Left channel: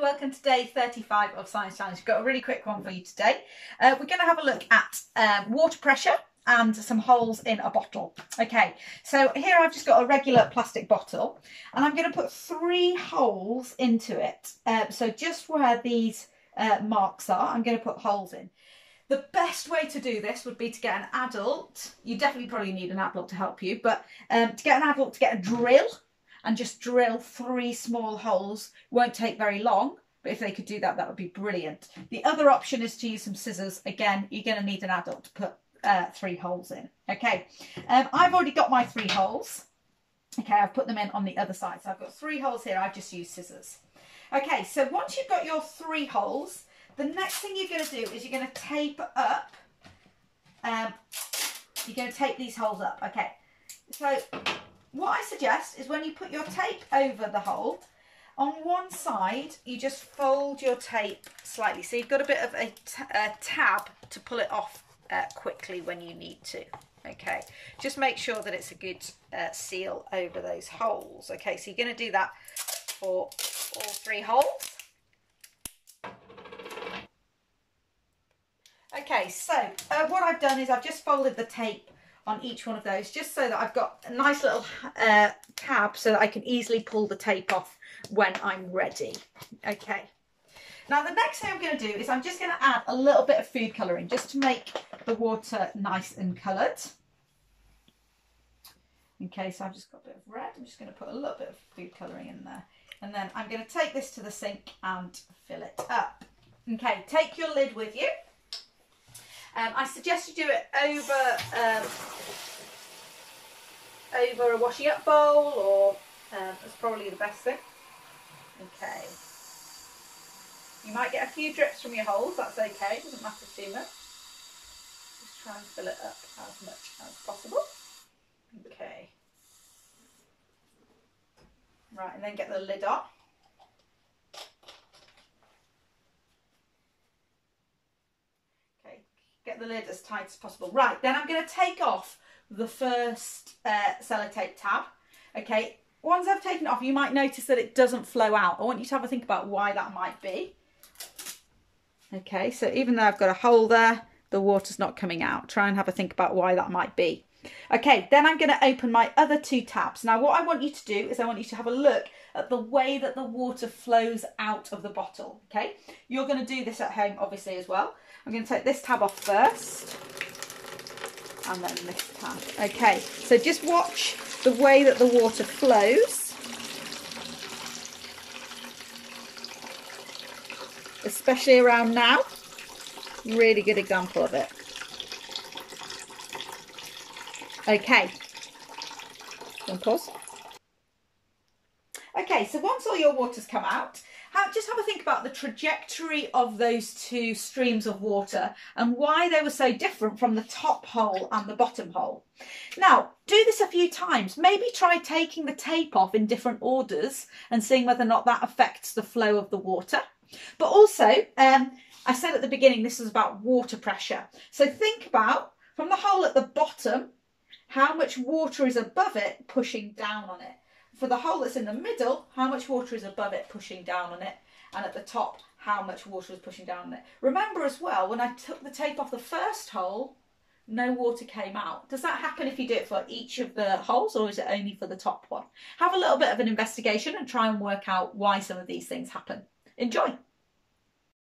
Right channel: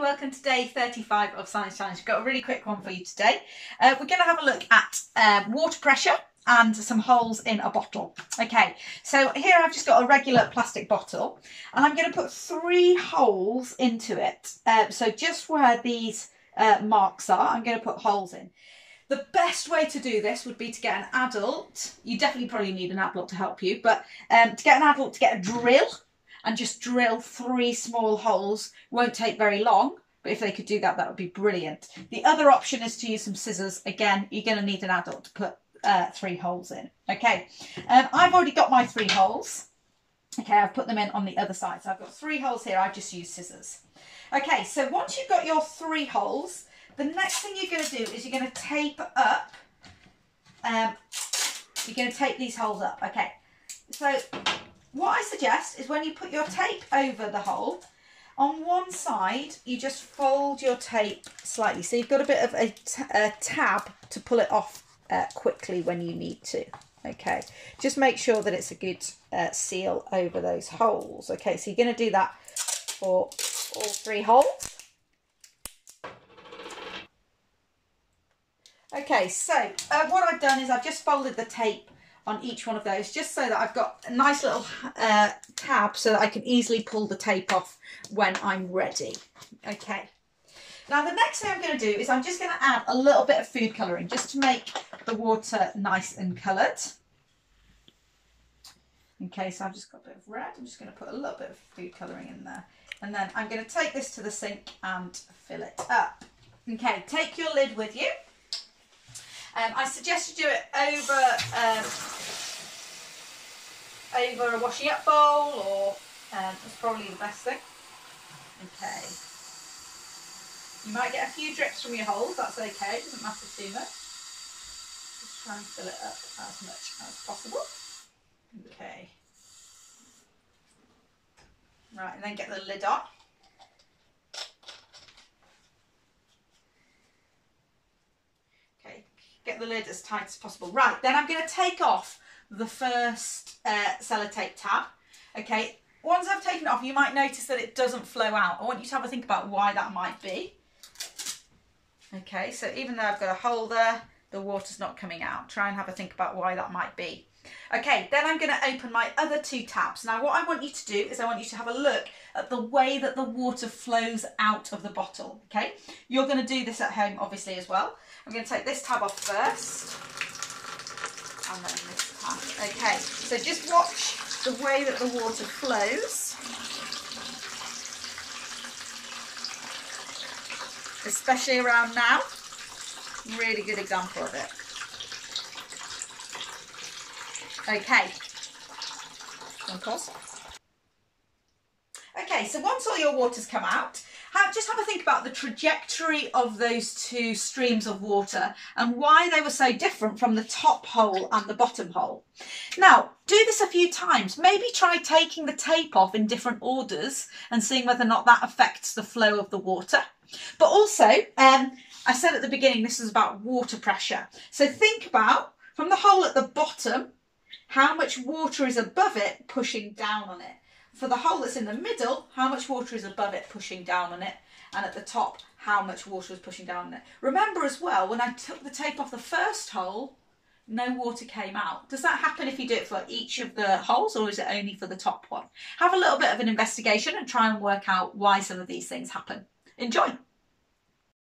welcome to day 35 of Science Challenge. Got a really quick one for you today. We're going to have a look at water pressure and some holes in a bottle. Okay, so here I've just got a regular plastic bottle and I'm going to put 3 holes into it. So just where these marks are, I'm going to put holes in. The best way to do this would be to get an adult. You definitely probably need an adult to help you, but to get an adult to get a drill and just drill 3 small holes. Won't take very long, but if they could do that, that would be brilliant. The other option is to use some scissors. Again, you're going to need an adult to put 3 holes in. Okay, I've already got my 3 holes. Okay, I've put them in on the other side. So I've got 3 holes here. I've just used scissors. Okay, so once you've got your 3 holes, the next thing you're going to do is you're going to tape up. You're going to tape these holes up. Okay, so what I suggest is when you put your tape over the hole, on one side, you just fold your tape slightly. So you've got a bit of a tab to pull it off quickly when you need to. Okay, just make sure that it's a good seal over those holes. Okay, so you're going to do that for all 3 holes. Okay, so what I've done is I've just folded the tape on each one of those, just so that I've got a nice little tab so that I can easily pull the tape off when I'm ready. Okay, now the next thing I'm going to do is I'm just going to add a little bit of food colouring just to make the water nice and coloured. Okay, so I've just got a bit of red. I'm just going to put a little bit of food colouring in there, and then I'm going to take this to the sink and fill it up. Okay, take your lid with you. I suggest you do it over a washing up bowl, or that's probably the best thing. Okay. You might get a few drips from your holes, that's okay, doesn't matter too much. Just try and fill it up as much as possible. Okay. Right, and then get the lid on. Get the lid as tight as possible. Right, then I'm going to take off the first sellotape tab. Okay, once I've taken it off, you might notice that it doesn't flow out. I want you to have a think about why that might be. Okay, so even though I've got a hole there, the water's not coming out. Try and have a think about why that might be. Okay, then I'm going to open my other 2 tabs. Now what I want you to do is I want you to have a look at the way that the water flows out of the bottle. Okay, you're going to do this at home obviously as well. I'm going to take this tab off first and then this tab. Okay, so just watch the way that the water flows, especially around now. Really good example of it. Okay, pause. Okay, so once all your water's come out, just have a think about the trajectory of those 2 streams of water and why they were so different from the top hole and the bottom hole. Now, do this a few times. Maybe try taking the tape off in different orders and seeing whether or not that affects the flow of the water. But also, I said at the beginning, this is about water pressure. So think about, from the hole at the bottom, how much water is above it pushing down on it. For the hole that's in the middle, how much water is above it pushing down on it, and at the top, how much water is pushing down on it. Remember as well, when I took the tape off the first hole, no water came out. Does that happen if you do it for each of the holes, or is it only for the top one? Have a little bit of an investigation and try and work out why some of these things happen. Enjoy!